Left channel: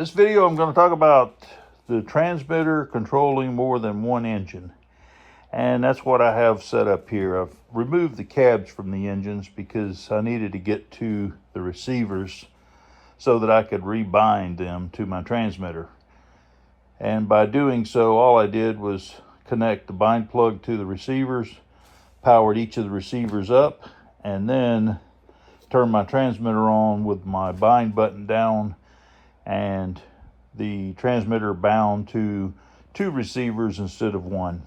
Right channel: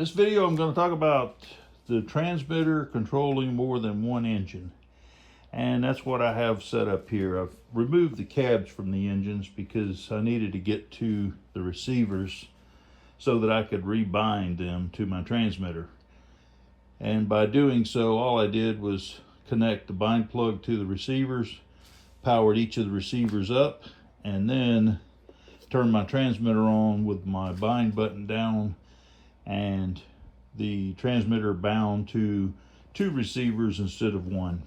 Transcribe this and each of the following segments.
This video I'm going to talk about the transmitter controlling more than one engine. And that's what I have set up here. I've removed the cabs from the engines because I needed to get to the receivers so that I could rebind them to my transmitter. And by doing so, all I did was connect the bind plug to the receivers, powered each of the receivers up, and then turned my transmitter on with my bind button down, and the transmitter bound to 2 receivers instead of 1.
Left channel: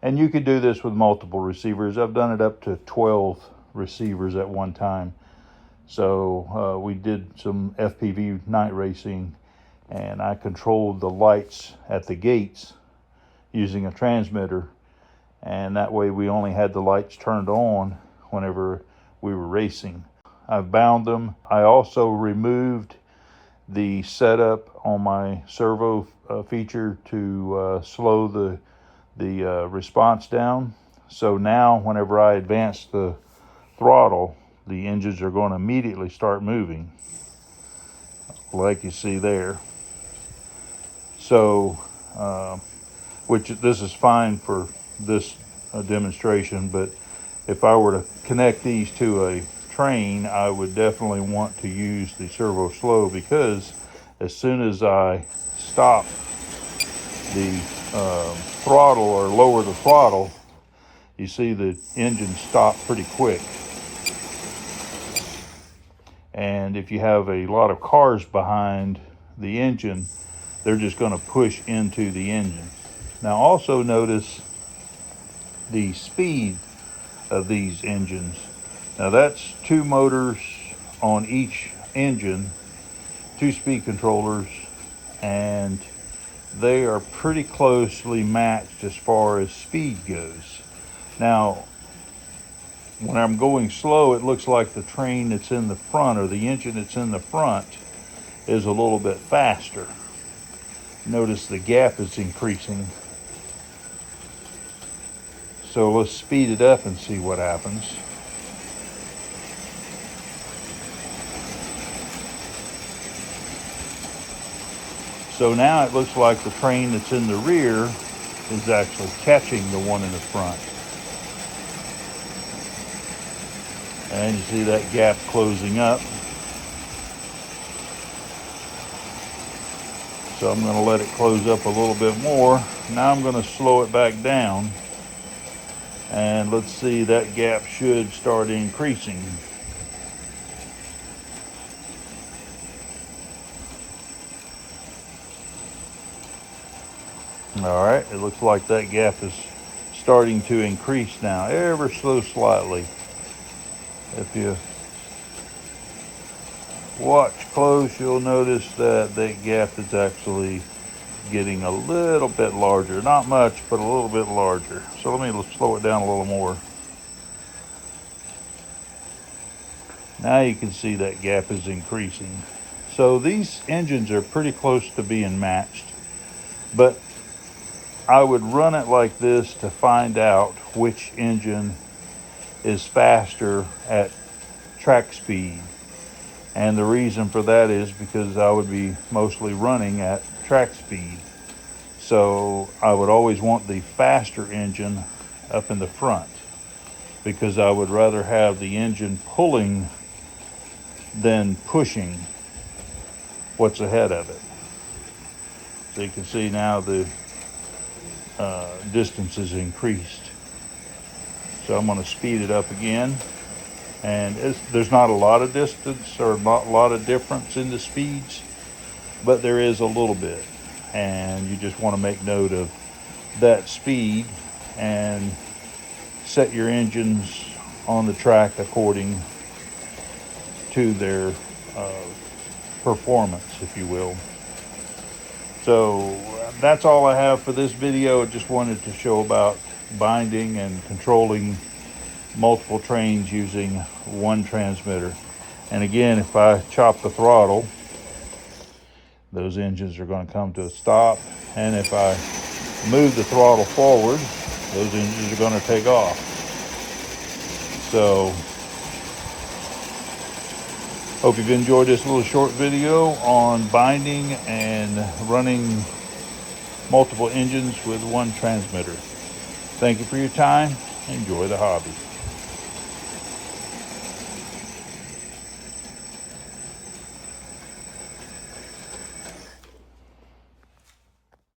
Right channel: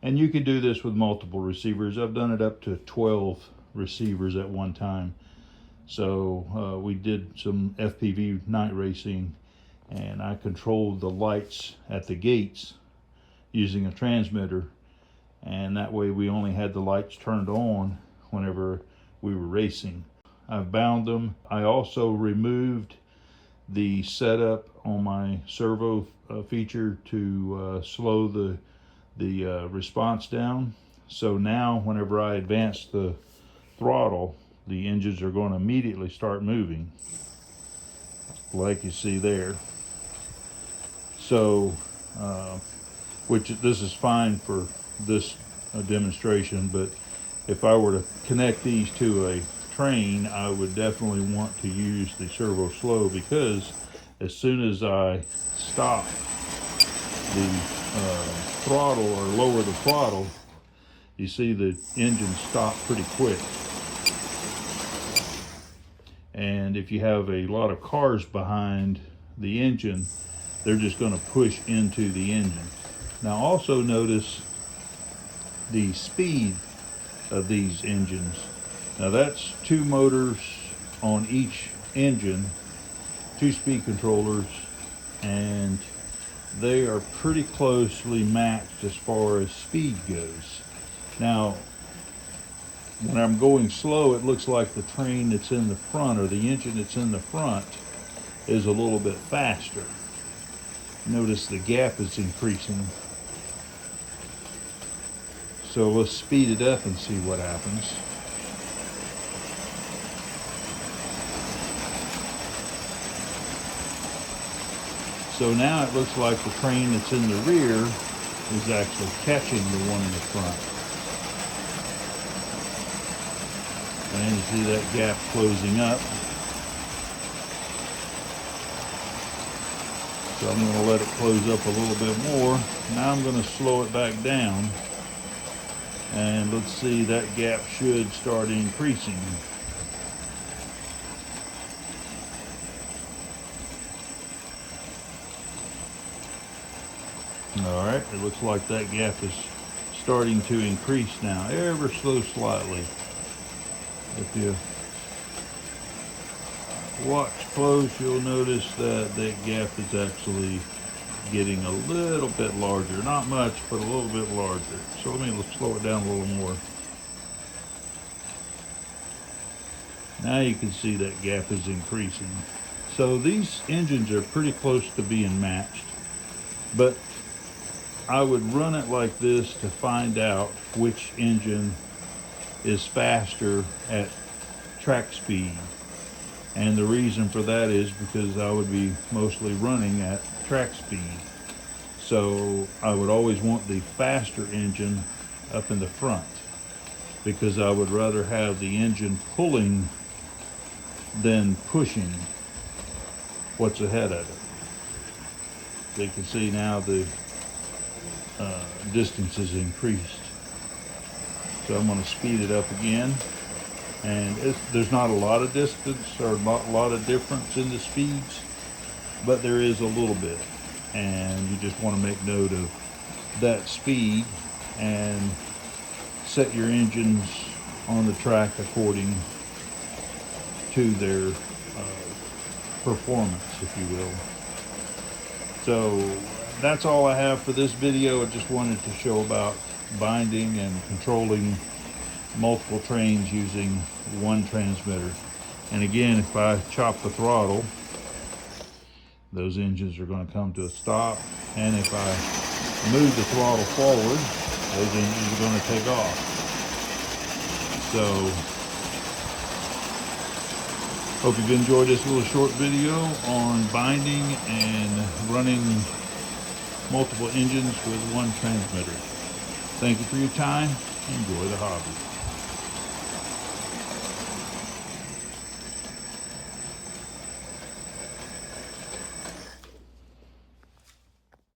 And you could do this with multiple receivers. I've done it up to 12 receivers at one time. So we did some FPV night racing, and I controlled the lights at the gates using a transmitter, and that way we only had the lights turned on whenever we were racing. I've bound them. I also removed the setup on my servo feature to slow the response down. So now whenever I advance the throttle, the engines are going to immediately start moving, like you see there. So which this is fine for this demonstration, but if I were to connect these to a train, I would definitely want to use the servo slow, because as soon as I stop the throttle or lower the throttle, you see the engine stop pretty quick. And if you have a lot of cars behind the engine, they're just going to push into the engine. Now also notice the speed of these engines. Now that's 2 motors on each engine, 2 speed controllers, and they are pretty closely matched as far as speed goes. Now, when I'm going slow, it looks like the train that's in the front, or the engine that's in the front, is a little bit faster. Notice the gap is increasing. So let's speed it up and see what happens. So now it looks like the train that's in the rear is actually catching the one in the front. And you see that gap closing up. So I'm going to let it close up a little bit more. Now I'm going to slow it back down. And let's see, that gap should start increasing. All right, it looks like that gap is starting to increase now, ever so slightly. If you watch close, you'll notice that that gap is actually getting a little bit larger. Not much, but a little bit larger. So let me slow it down a little more. Now you can see that gap is increasing. So these engines are pretty close to being matched, but I would run it like this to find out which engine is faster at track speed. And the reason for that is because I would be mostly running at track speed. So I would always want the faster engine up in the front, because I would rather have the engine pulling than pushing what's ahead of it. So you can see now the distance is increased. So I'm going to speed it up again, and there's not a lot of distance or not a lot of difference in the speeds, but there is a little bit, and you just want to make note of that speed and set your engines on the track according to their performance, if you will. So that's all I have for this video. I just wanted to show about binding and controlling multiple trains using one transmitter. And again, if I chop the throttle, those engines are going to come to a stop. And if I move the throttle forward, those engines are going to take off. So Hope you've enjoyed this little short video on binding and running multiple engines with one transmitter. Thank you for your time. Enjoy the hobby.